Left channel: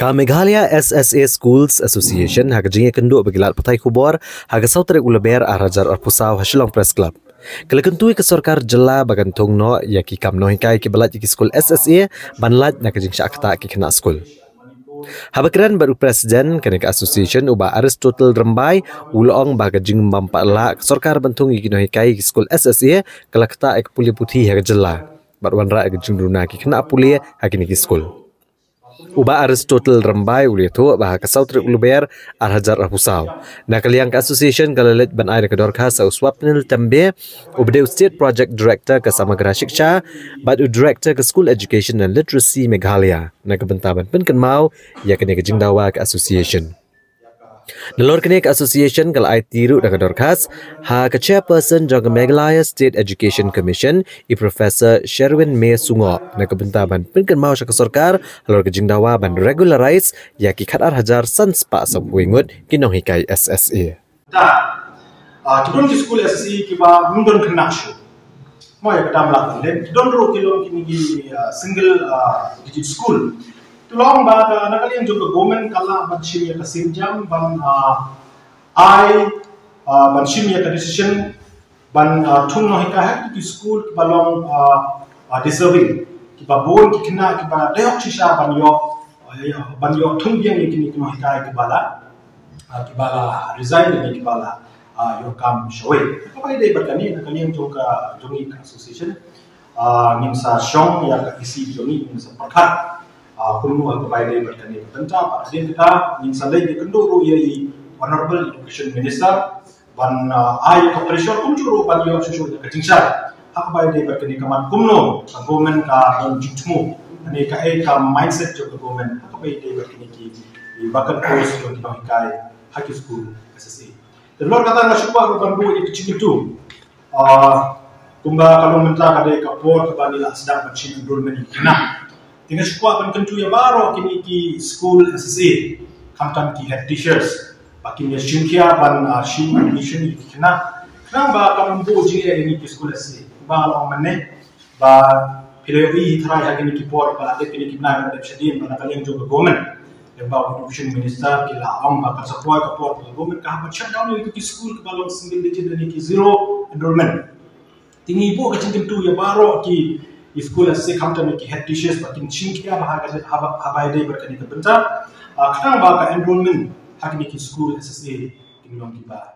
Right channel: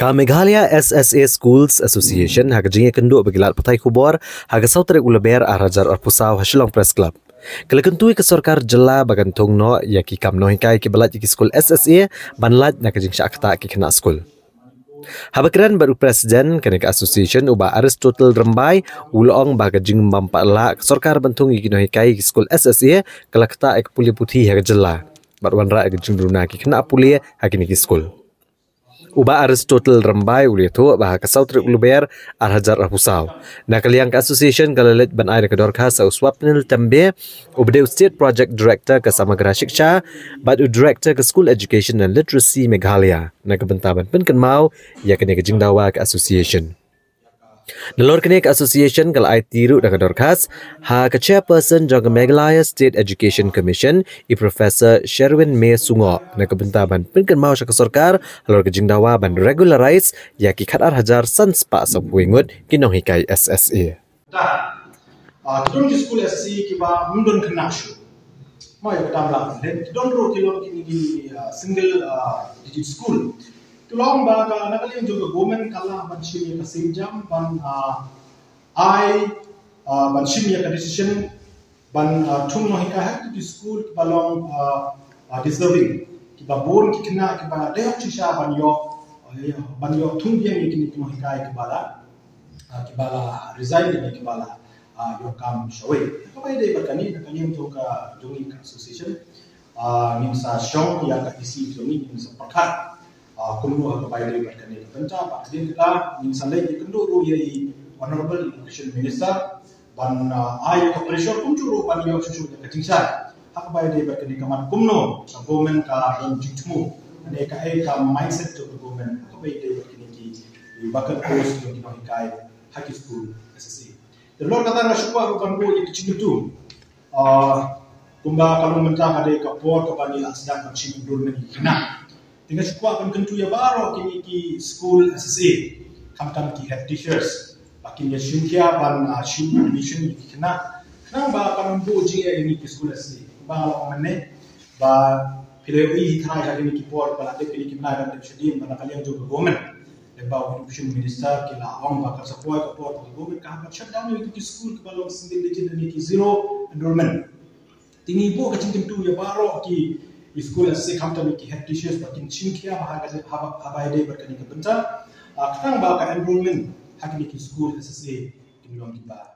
Meghalaya SSA Schools Association haga jinge kenduk begilat patai kubor haga sautere ulaber arajar arpusau hasilong press club. Kala kentui ke Sorkar jela bagan thung no yaki kam Nonghikai ki balat ki Skul SSA banlat nak jing syakta ki kena skul. Habakiran baru presiden kena ke association uba Aristotle Rembai ulong baga jing mampala Sorkar bantung ki Nonghikai ki Skul SSA kala kata ek puli putih haga jela. Barwan ra ek jing runa ki kena puli hakini ki skul. Uba Aristotle Rembai uli tu bah kasau trik uluber arhajar arpusau. Nak kaliang ke association kalalet ban air ke dorka sa uswapnil tembe ubde state project director ke Samagra Shiksha bad director ke School Education and Literacy Meghalaya. Nak bentaban pen mau ya kene ke jingdawa ke association. Nalor kene ke association kal ai tiru dak dorkas ha ke chairperson jog Meghalaya State Education Commission I Professor Sherwin May Sungo nak bentaban pen mau sya ke Sorkar halor ke jingdawa ban regularize ya ki khatar hajar sanspa sampuingut ki Nonghikai SSA. Tudon ki Skul SSA ki ba mundon knakshu moy kadam la len tudon ro kilom kini ki single digit school tulong ba ka nakalian juga government kala ban shimya ka sinjam ban ban shimya ka decision ban thung Nonghikai ki school ki balong deserving ki ba bon ki kena ki ba dayok chisha ban yo thung biang ki Nonghikai ki bala resign ni ki bala yo kam showe ka bai dei berkani nakalian juga jongi association nimsa shong ya ka isi jongi nimsa pakhat kuno aku bayar berkani tentang pasien kita misalnya di kenduru yai honorable education minister ban ai operation kunjuru ban yo susu ke jingsar aku bayar berkani kamat kumno government ka don jitmu ane ka ka mindset jo government aku bayar berkani ki Vacant post jo Nonghikai high school SSA lor kata na supa ban bu itu Kyntu kumba kalau mentah kade kapor ke banila sedang bercin enrollment kena dengan sekolah penentu ya baru kini ki Skul SSA kamtan ki head teachers bakin ya syunkia ban syun admission kena ba kalau bu jinge ini ki Skul SSA ba lo mane ba piloi try hagini ki por ba ate pilih ki na ban shadin ban kalian juga government ya ba education minister ki la am ba ka support ka por government ka ba shutdown itu ki school ke balong single digit dan ki zero enrollment tinggi bu ka Kyntu ya baru ki Skul SSA kamtan ki head teachers bakin chinkia bahagia habai dei berkani ke bentar kadang ba ka enrollment hagini ki Skul SSA ki long ki ba